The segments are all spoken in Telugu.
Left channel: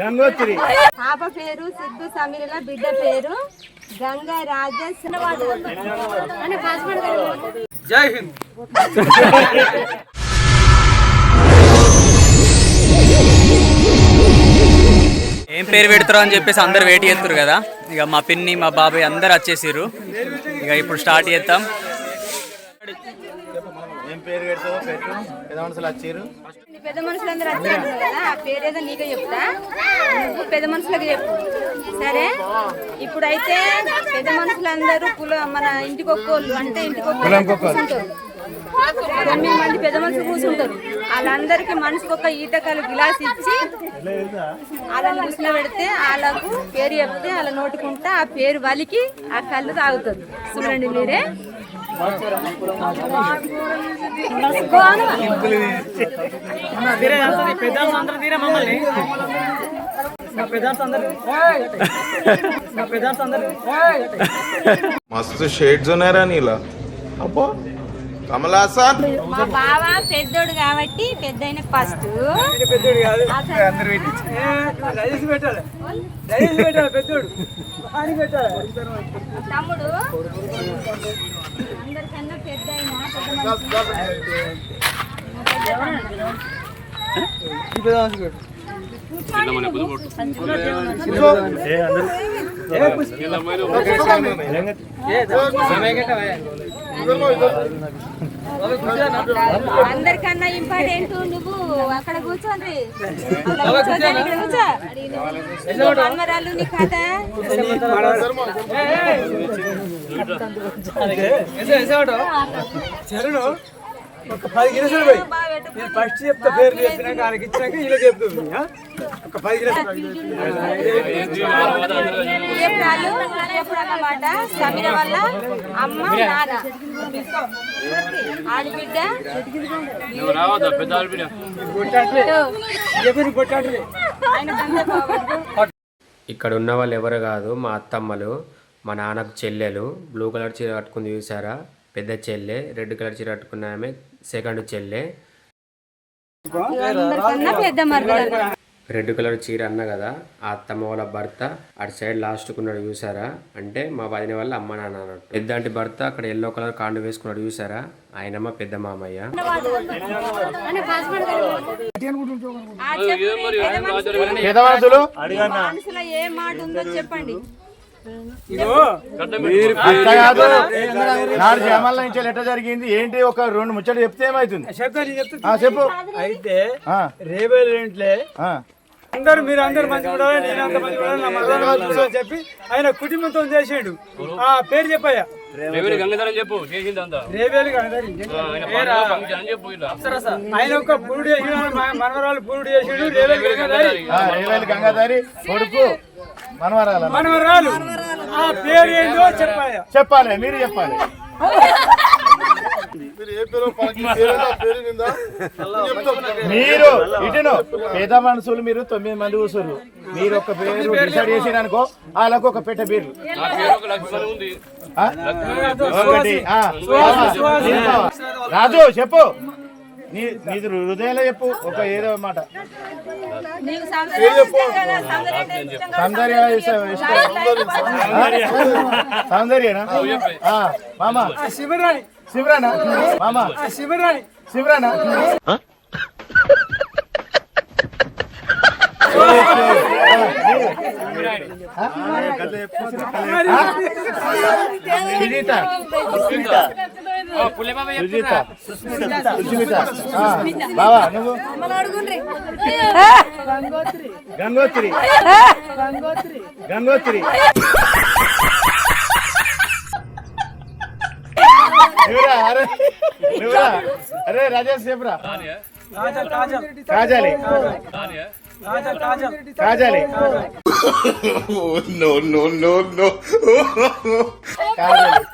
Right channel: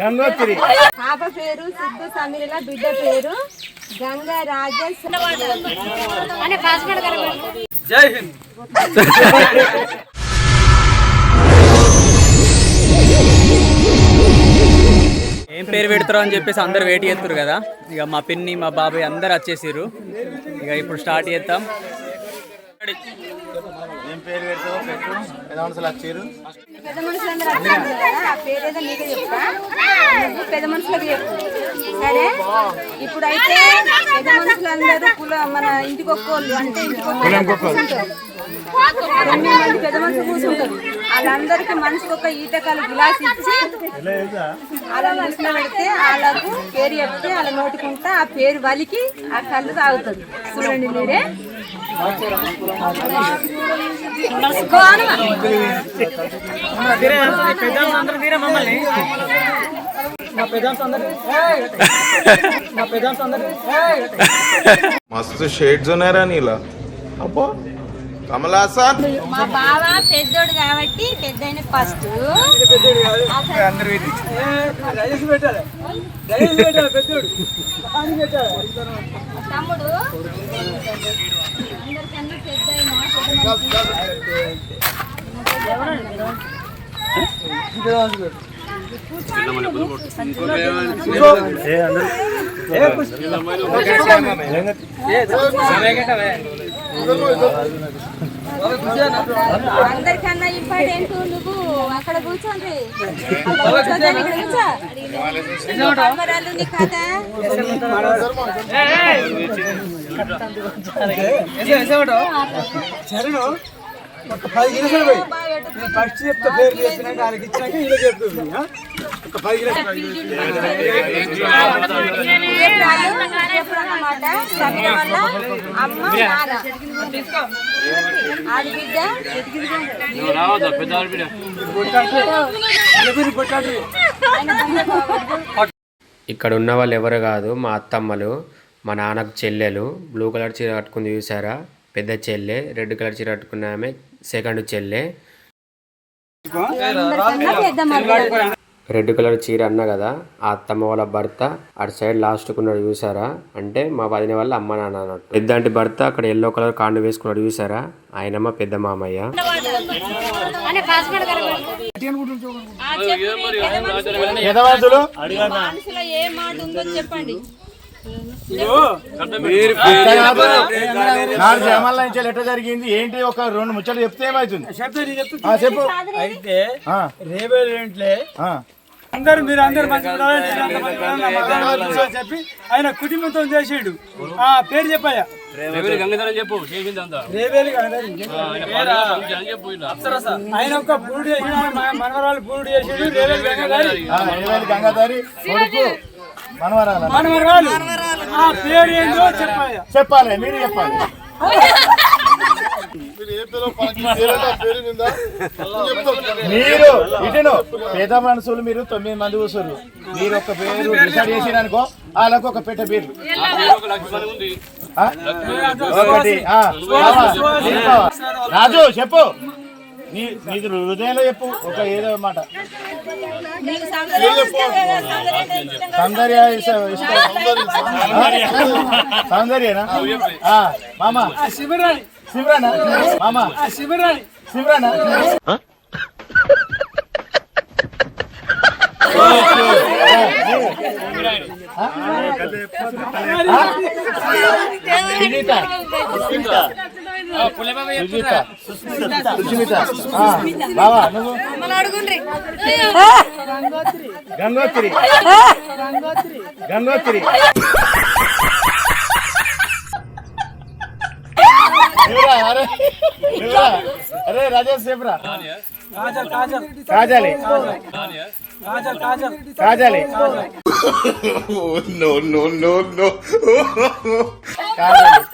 గంగోత్రి. పాప పేరు సిద్ధు సమీల బిడ్డ పేరు గంగా రాజేష్. జై హింద్. ఏం పేరు పెడతారో అని చెప్పేసి అందరు వెయిట్ చేస్తారు కదా. ఇక మా పిన్ని మా బాబాయ్ అందరు వచ్చేసారు ఇక ఇప్పుడు స్టార్ట్ చేద్దాం. ఏం పేరు పెడతావు పెట్టు. పెద్ద మనుషులు వచ్చారు పెద్ద మనుషులందరూ వచ్చారు కదా ఆ పేరేదో నీకే చెప్తా. నువ్వు పెద్ద మనుషులకు చెప్పు. సరే? ఇప్పుడైతే పెద్ద మనుషులందరూ కుల మన ఇంటికి ఒక్కోళ్ళు అంటే ఇంటికి ఒక్కోళ్ళు కూర్చుంటారు. తొమ్మిది మంది పెద్ద మనుషులు కూర్చుంటారు. వాళ్ళందరికీ మనిషికి ఒక ఈటకాలు గ్లాస్ ఇచ్చి వాళ్ళని కూర్చుని పెడితే వాళ్ళకు పేరు చెప్తే వాళ్ళ నోటుకుంటా ఆ పేరు వలికి ఆ కళ్ళు తాగుతుంది చూడండి మీరే మా పెదాంస్ అందరు మా పెదాంస్ అందరు मस्त शेड्स ఉన్నారా నీలా అబ్బో కమల్ హాసన్ మా బావ పెద్దోడు కాబట్టి పెద్దయిన ఫస్ట్. పెద్దోడు కాదు. రైస్ పెట్టాలి? రైస్ పెట్టాలి పెద్దోడు? పెట్టాలి? తమ్ముడు అందరికన్నా పెద్దయిన పెద్ద అందరికన్నా ఇంపార్టెంట్ నువ్వు అక్కడ కూర్చోండి. కెమెరాలు నీ ఒక పది గిన్నెలు పోయి. నేను ఫస్ట్ చెప్తా పేరు చెప్పినాక వాళ్ళకి ఇచ్చినాక ఇలా చెప్తుంది ఒక పది సమీర వల్ల అమ్మ నాన్న. ఇక్కడ ఉన్న వాళ్ళు ఎవరు కాదు మా అత్తమ్మలు మా నాన్నకు చెల్లెలు బ్లూ కలర్ చీర కట్టుకుంది చూసారా పెద్ద చెల్లె రెడ్ కలర్ చీర కట్టుకున్న ఆమె సెకండ్ చెల్లె పెద్ద రెడ్ కలర్ చీర అన్న కదా ఆ అత్తమ్మ వాళ్ళ భర్త అటు సైడ్ లాస్ట్కు ఉన్నాడు చూసారా? అంటే మా వదిన వాళ్ళ అమ్మ నాన్న అన్నట్టు. పెద్దంటి భర్త అక్కడ ఎల్లో కలర్ కాండు వేసుకున్నాడు చూసారా? ఆయనమ్మ పెద్ద మామయ్య. ఆ చెప్పండి. జమాల నుంచి ఎట్లా జరిగింది. ఏంటి? ఒక రెండు ముచ్చట్లు చెప్తే ఏమవుతుంది చెప్పు అయితే ఆ, రేవేలు ఏంట్లే ఆ. అందరు మీరు అందరు మంచి చెప్పి ఆయన కుటుంబంతో చేసాడు. ఆ పేరు చెప్పాయా రేవేలు గంగాధరం పేరా? ఆయన ఒక పురుడు చేసాడు ఆయన మన- మనవరాలు పురుడు చేసాడు రేవేలు గంగాధారి. ఆ, రేవేలి గంగాధారి కొడుకు. మనవరాల మనవరాలు. ఆ పేరు ఏందో చెప్పాయా చెప్పాలి మీరు చెప్పాలి. మీరు ఇటును పేద మనుషులు మీరు తొమ్మిది మంది కూర్చోరు మీరు ఒక పేరు డిసైడ్ చేసిరనుకో వాళ్ళకు ఒక పెట్ట పేర్లు. రాజు చెప్పు. నీ నీది హృదయంలో చెప్పు ఒక ఏదో మాట. సౌందర్యం సౌందర్యనా? ఆ, మామ. శివరాణి. శివరానా మామ. శివరాణి. శివరానా సుజీత సుజీత. సుస్మిత బావా నువ్వు? గంగోత్రి. గంగోత్రి? అరే ఎవరా? అరే రాజేష్ చెప్పరా? Kajal Kajal. No no no no కాజాలి. Kajal Agarwal కాదు.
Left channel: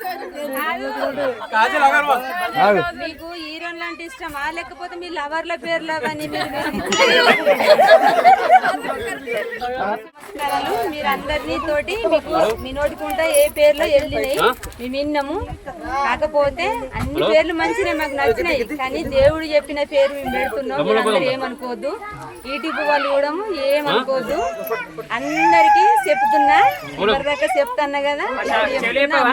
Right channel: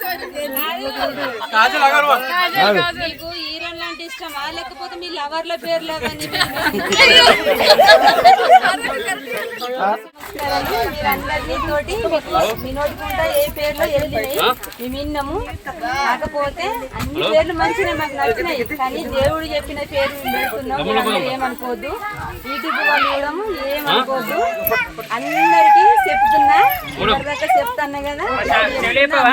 మీకు హీరోన్ లాంటి ఇష్టమా? లేకపోతే మీ లవర్ల పేర్లు అవన్నీ నమస్కారాలు. మీరందరినీ తోటి మీకు మీ నోటికుంటా ఏ పేర్లు వెళ్ళినాయి. మేము విన్నాము కాకపోతే అన్ని పేర్లు మంచిగా మాకు నచ్చినాయి. కానీ దేవుడు చెప్పిన పేరు మేము పెడుతున్నాం మీరందరూ ఏమనుకోవద్దు యూట్యూబ్ వాళ్ళు కూడా ఏమనుకోవద్దు అందరికి చెప్తున్నా. ఇప్పటిదాకా చెప్తాను కదా.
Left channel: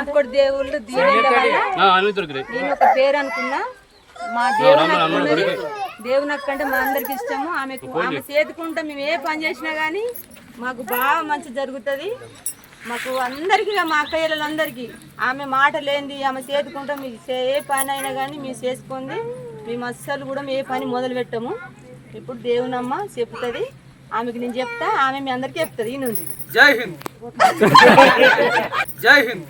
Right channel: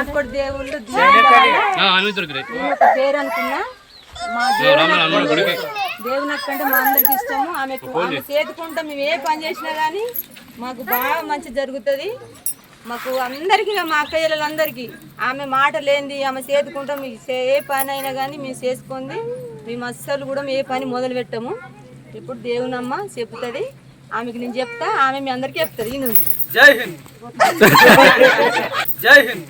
ఇంకోటి దేవుళ్ళు దేవుడు నేను ఒక పేరు అనుకున్నా. మా దేవుడు దేవుని కంటే మా అందరికి ఇష్టము. ఆమెకు ఆమె చేతుకుంటా మేము ఏ పని చేసినా కానీ మాకు బాగా మంచి జరుగుతుంది. మాకు అందరికీ మా అక్కయ్యలందరికీ ఆమె మాట లేనిది ఆమె చేతుకుంటా మీకు చే- ఏ పని అయినా కానీ మేము చేసుకుంది. మేము అస్సలు కూడా ఏ పని మొదలు పెట్టము. ఇప్పుడు దేవునమ్మ చెప్తుంది. ఆమెకి నేను చెప్తా ఆమె మీ అందరికీ చెప్తుంది. ఈ నుండి. జై హింద్. జై హింద్.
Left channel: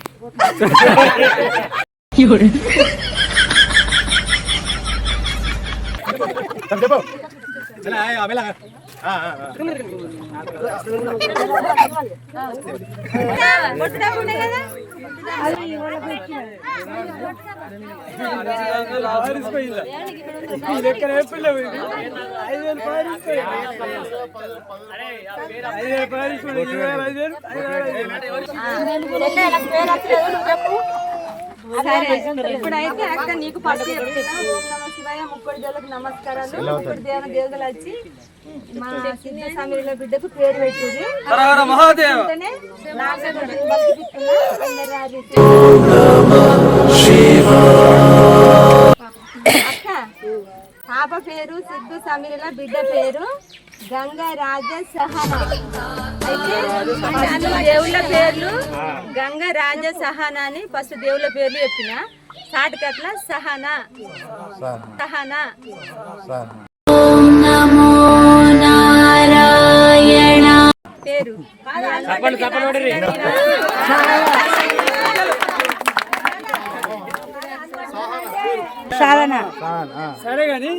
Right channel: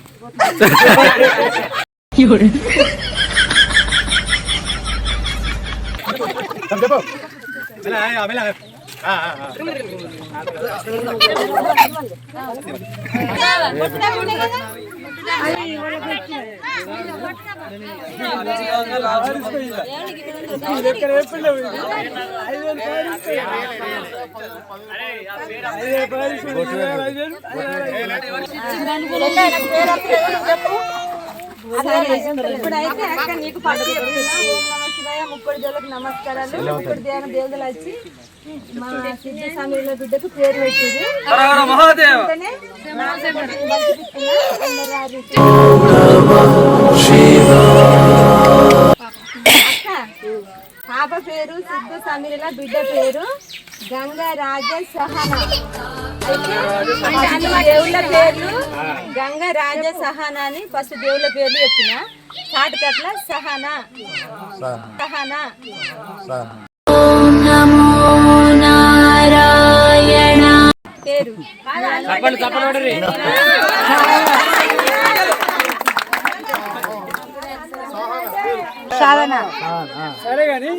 ఇప్పుడైతే అక్క నీకు పట్టు చెప్తున్నా. ఓం నమః శివాయ ముప్పటి జోలకు నమస్కారాలు ముప్పటి దేవన దేవతలు వచ్చి మా సిద్ధ సమయంలో బిడ్డకు పేరు పెట్టింది. అక్క పాప పేరు సిద్ధు సమీరల బిడ్డ పేరు గంగా రాజ సహన అయితే దేవుళ్ళ పేర్లు గంగా రాజ సహన అని ఫస్ట్ దేవుళ్ళ పేర్లు చెప్పిన. షార్ట్ కట్ల సహన. సహన. పేరు. సాధన. సరే గాని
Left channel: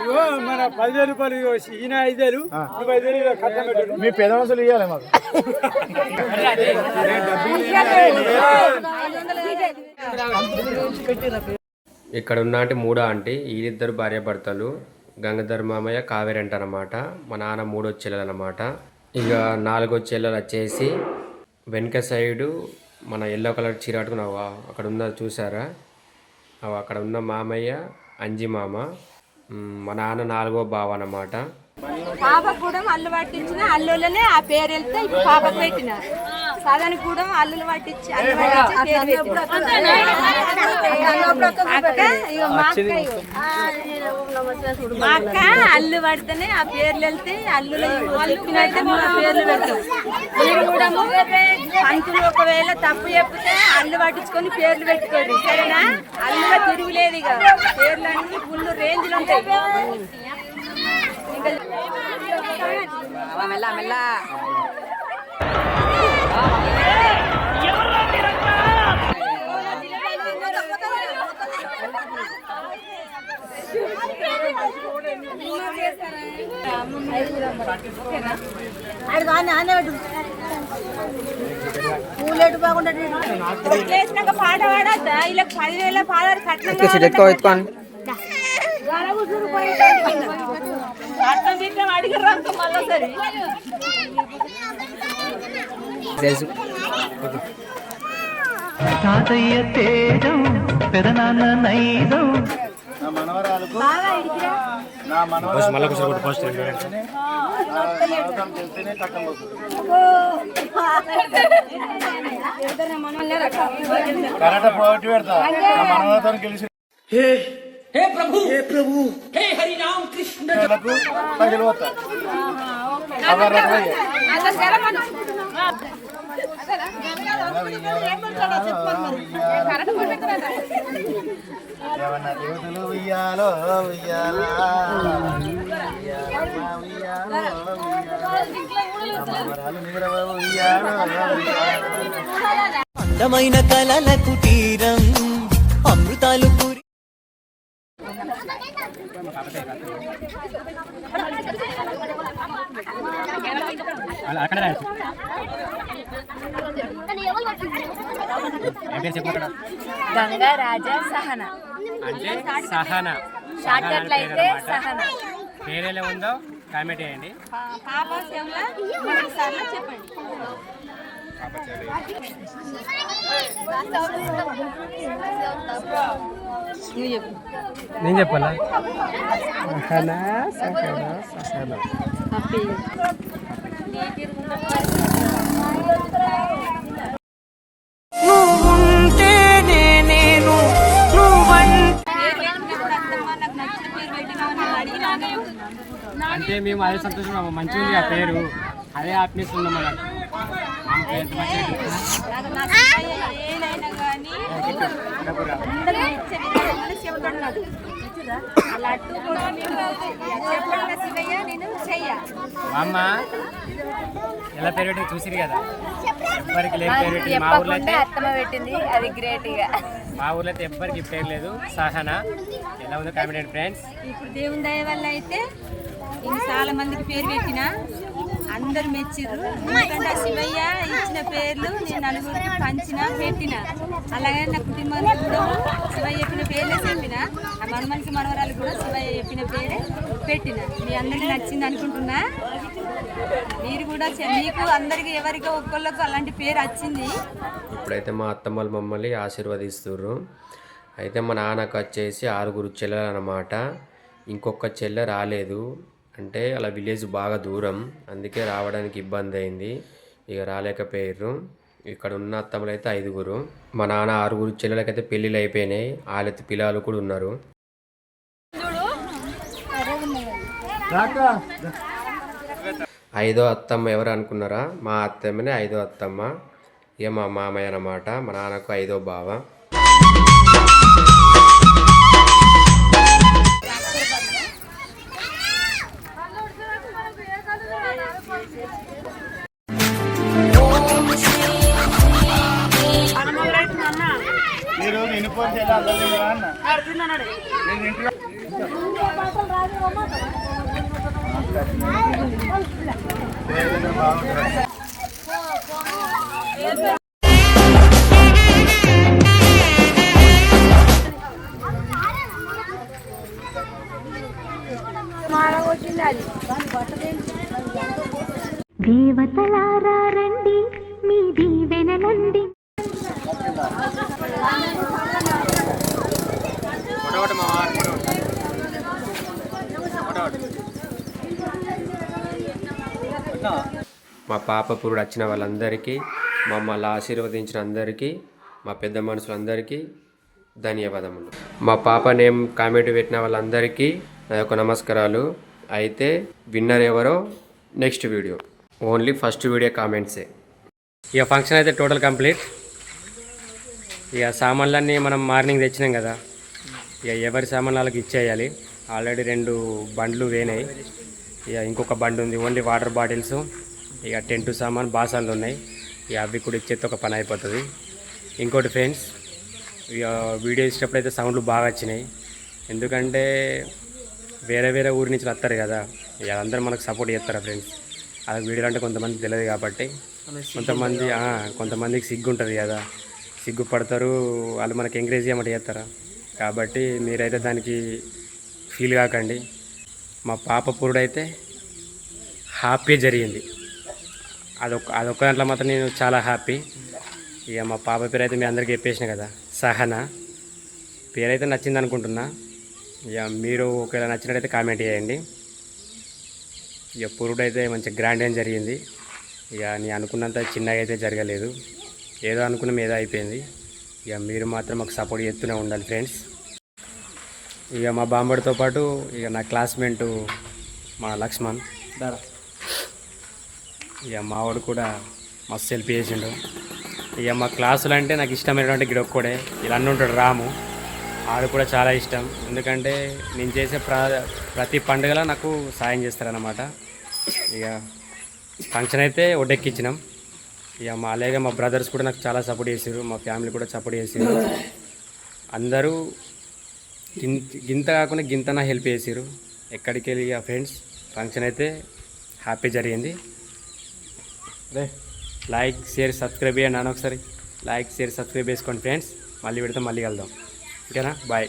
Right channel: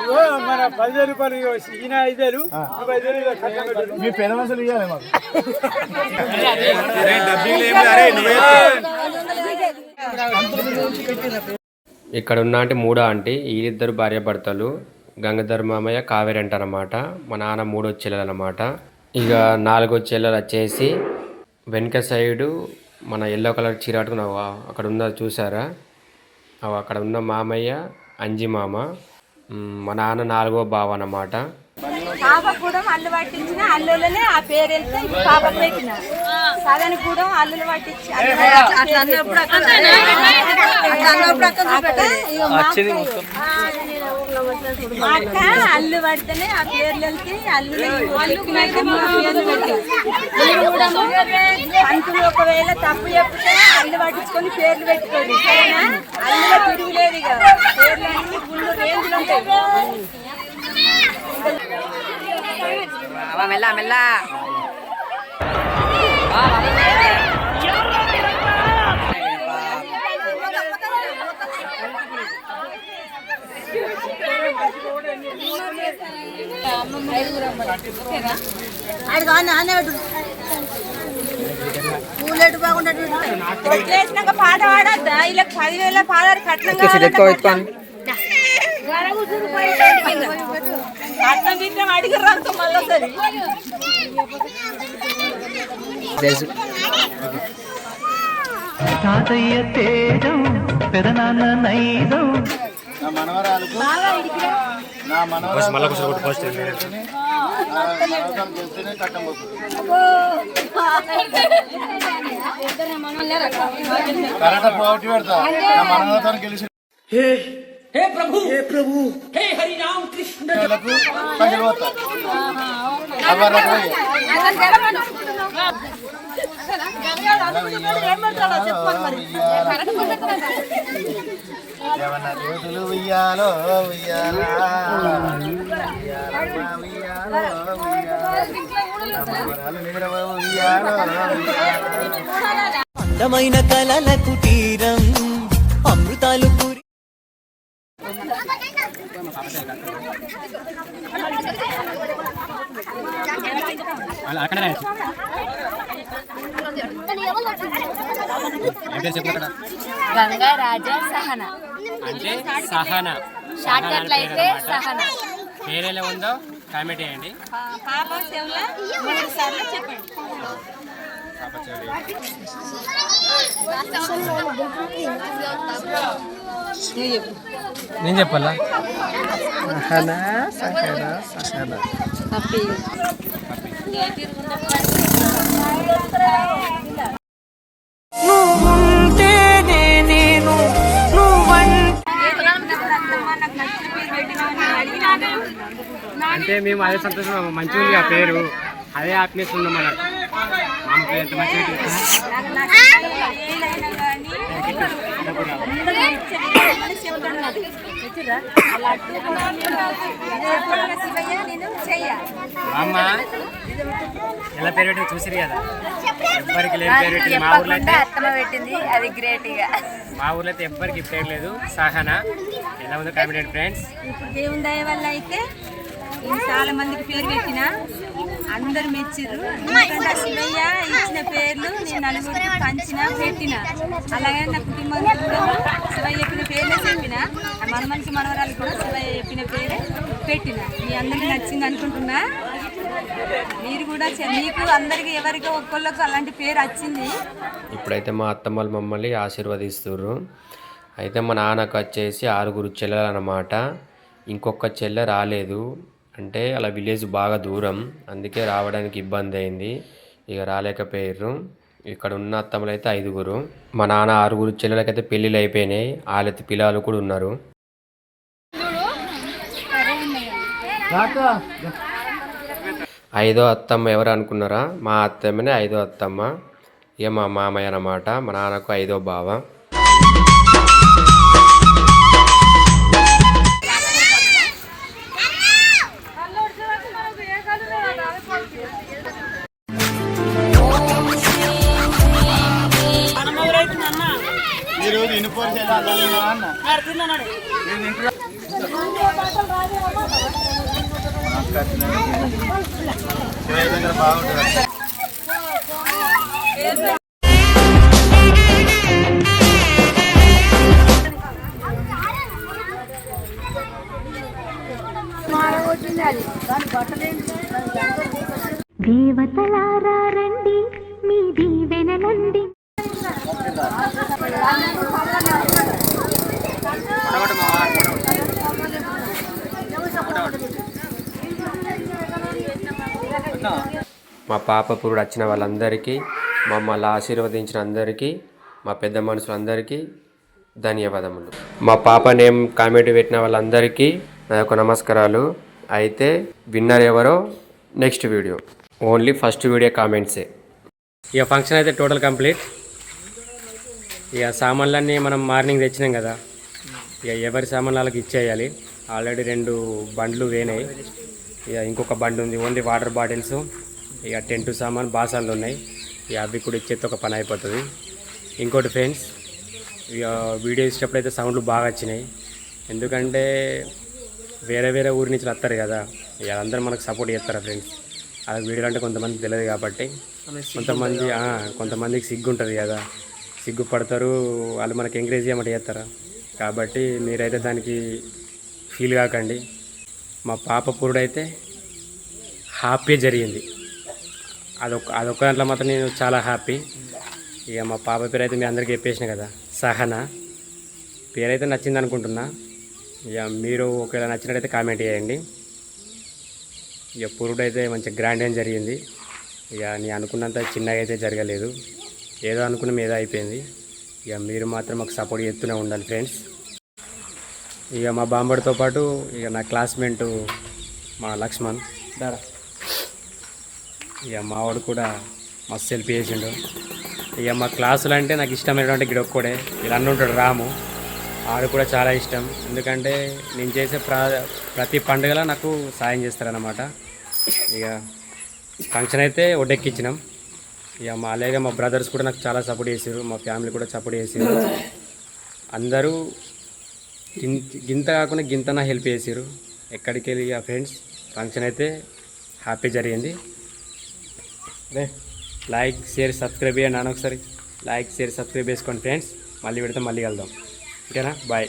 ఇగో మన పదివేలు రూపాయలు ఇగో ఈయన ఐదేలు నువ్వు ఐదేలు ఇగో కట్టం పెట్టు. మీ పెద్ద మనుషులు ఇవ్వాలి మాకు ఇక్కడ ఉన్న మూడో ఆంటీ వీళ్ళిద్దరు భార్యాభర్తలు గంగాధర్ మామయ్య కావేరి అంటారన్నమాట మా నాన్న మూడో చెల్లెలు అనమాట ఇక నాలుగో చెల్లెలు వచ్చేసి వెనక సైడు మన ఎల్లో కలర్ చీర కట్టుకున్నావు అక్కడ ఉన్న చూసారా? అవి అక్కడ ఉన్న మామయ్య అంజి మామ మా నాన్న నాలుగో బావ అన్నమాట. పాప కూడా అల్లు పట్టించిన అల్లులనే ఆ పేరు వెళ్తే పాప పెట్టినారు. పెట్టిన సాధన కూడా అల్లులు పట్టించి అట్లా అన్నప్పుడు మా అక్క అల్లు పడితేనే ఆ పేర్లు వెళ్తే అల్లులు పేర్లు పెట్టాం మీరు కూడా ఒకవేళ తప్పు చెప్తే అల్లు పట్టించుకొని పేర్లు పెట్టుకోండి సరేనా? అల్లులో తిరుగులేదు ఇక. పేర్లు అన్ని ఫుల్ రేంజ్లు ఉంటాయి. మెల్ల మెల్ల. వేసినాక పాట పాడద్దా ఇలా పదివేల పాదాలు కట్నం కట్నం బిట్నం అడిగారు మళ్ళీ తాతయ్య తేజం పెదనాన్న నైదం నా మనవరాలకు నా మనవరాలు చెప్తేనే కట్టం పోటీ పెడతా. నా మనవరాలతో గెలిచి హే ప్రభు! హే ప్రభు! హే హరి రామ్ కృష్ణ! ఏమన్నా దేవుడు ఉయ్యాలో ఉయ్యాలా? ఉయ్యాలమ్మ ఉయ్యాలో ఉయ్యాలా? మనవరాలు ఉయ్యాలో అందమైన కలల కుటీరం అమృతాలు పూరి గంగా రాజా సహన. అంటే సహన. అయితే సహన. పేరేలా ఉందో కామెంట్ చేయండి. పాప చెవుల నేను చెప్పాలా? పేరు పెట్టినామని అడిగినాను అంటే మేము అదే సంతోషం మంచిగా ఉంది ఆ పేరు. అదే హ్యాపీనెస్ ఉన్నాం మనకు మా పేరు. మంచిగా అమ్మ ఎలా పేరు పెట్టింది చూసిరు కదా? ఎవ్వరికి లేని పేరు పెట్టింది మా ఊర్లో అయితే. పెట్టింది అది గ్రేట్ మా ఊర్లో అయితే ఎవ్వరికి పేరు లేదు. సహనా ఎలా ఉందో కామెంట్ ఫ్రెండ్స్ ఇప్పుడు దేవుని దయ వల్ల అయితే చాలా మందికి పేరు పెట్టిన. అందరు మెచ్చిర్రు ఎందుకంటే శివయ్య ఇచ్చిన పేర్లు నేను నలుగురికి పంచిన పెట్టిన. అలాగే నా కుటుంబానికి కూడా శివయ్య చెప్పిన పేర్లే చెప్పిన. ఆ మన మనిషి కూడా శివయ్య చెప్పిన పేరే పెట్టిన. మీ అందరికి నచ్చింది అనుకుంటున్నా. మీరు కూడా చె- మీకు అందరికి ఎవరికి ఒక్కళ్ళకు అలాంటి పేరు వచ్చింది. ఇప్పుడైతే మా అత్తమ్మలు మమ్మల్ని ఆశీర్వదిస్తుర్రు. అయితే మా నాన్నకు వచ్చేసి ఆరుగురు చెల్లెలు అన్నమాట ఇంకొక చెల్లె రాలేదు. అంటే అలా విలేజ్ బాగా దూరం. అందుకే రావడానికి ఇబ్బంది అయింది. ఇక రాలేకపోయారు ఇక్కడ ఉన్న అత్తమ్మలు అయితే ఐదుగురు. మా నాన్న ఆరుగురు చెల్లెలకైతే పెళ్ళిళ్ళు అయిపోయినాయి. వాళ్ళైతే పిల్లలు కూడా ఉన్నారు. ఐదో అత్తమ్మ ఎవరు అనుకున్నారా? మా అత్తమ్మనే ఐదో అత్తమ్మ. ఇక మా మామయ్య అన్నమాట. మా నాన్నకు ఐదో బావ. దగ్గర బాగుంటుంది. మా పాప పురుడు వచ్చిన వాళ్ళందరికీ మమ్మల్ని ఆశీర్వదించిన అందరికీ మా పెద్ద మనుషులందరికీ ధన్యవాదములు. మా పాప నేమ్ కామెంట్ పెట్టిన వాళ్ళందరికీ నా యొక్క నమస్కారాలు. అయితే విన్నర్ ఎవరో next video. Only first video కామెంట్సే. ఇక ఫంక్షన్ అయితే టోటల్ కంప్లీట్. ఇక సామాన్లన్నీ మనం మార్నింగ్ తెచ్చినాం కదా. ఇక ఎవరి సామాన్లు వాళ్ళకి ఇచ్చేయాలి. ఆల్రెడీ రెండు బండ్లు వేనాయి. ఇక ఇంకొక బండి ఉంది. Only water bottles. ఇక టెంట్ సామాన్ బాసాలు ఉన్నాయి. ఇక అవి కూడా ఇచ్చేస్తే ఒక పని అయిపోతుంది. ఇంకోటి ఫ్రెండ్స్ ఇక వీడియో ఇచ్చినప్పుడు అయితే సౌండ్లు బాగా వచ్చినాయి. ఎందుకంటే వేరే వేరే ఊరి నుంచి వస్తారు కదా. ఇక అందరూ మనకు సపోర్ట్ చేస్తారా ఫ్రెండ్స్? అది వీడియో అంటే కొంతమంది తెలియదు కాబట్టి. కొంతమంది కొంతమందికి సిగ్గు ఉంటుంది కదా. సిగ్గుపడతారు. వాళ్ళు మనకి ఎంకరేజ్ చేయమంటే చేస్తారా? కాబట్టి మీరైతే దానికి ఫీల్ కాకండి. మా పాప పురుడైతే హ్యాపీ జరిగింది. అదొక అదొక దాంట్లో మాత్రం నేను చాలా హ్యాపీ ఇక మా పాప పేరు అయితే మీ అందరికీ చెప్పేసిన కదా సహనా. పేరైతే నచ్చింది అనుకుంటున్నా. ఇక మీరు ఒకవేళ నచ్చినట్టయితే కామెంట్ చేయండి. ఇక పురుడు అయితే మంచి గ్రాండ్ ఏం జరిగింది. ఇక నీ అనుకున్నంత చిన్నగా అయితే జరగలేదు. ఏదో అనుకున్నాం ఏదో అయిపోయింది. ఇక మీరు మాత్రం మాకు సపోర్ట్ చేస్తూనే ఉండాలి ఫ్రెండ్స్. ఇక మా బాంబడితో పాటు ఇక నా క్లాస్మేట్ మా లక్ష్మణ్. దారా. ఇక మావాడు కూడా మస్తు సెల్ఫీ చేసిండు. ఇక మా క్లాసులు అంటే నాకు ఇష్టమైనటువంటి గిడొక్కడే ఇలా ఉంటాడు రాము. ఆడు కూడా చాలా ఇష్టం. ఎందుకంటే నేను చేసే ప్ర ప్రతి పండుగలో నాకు సాయం చేస్తారన్నమాట. ఇక ఫంక్షన్ అయితే ఒడ్డెక్కించినాం ఇక మా అలాగే మా బ్రదర్స్ కూడా నాకు చాలా సపోర్ట్ చేసారు మా ఫ్యామిలీ కూడా సపోర్ట్ చేసారు అందరూ గింత కాకుండా గింతనా హెల్ప్ చేసారు ఎక్కడికి వెళ్ళి ఆ ఫ్రెండ్స్ ఫంక్షన్ అయితే హ్యాపీ జరిగింది. రే. లైక్ షేర్ సబ్స్క్రైబ్ చేయండి నాన్న ఒకసారి. లైక్ షేర్ సబ్స్క్రైబ్ చేసుకోండి ఫ్రెండ్స్. మళ్ళీ పెడితే మళ్ళీ కలుద్దాం. ఓకేనా? బాయ్.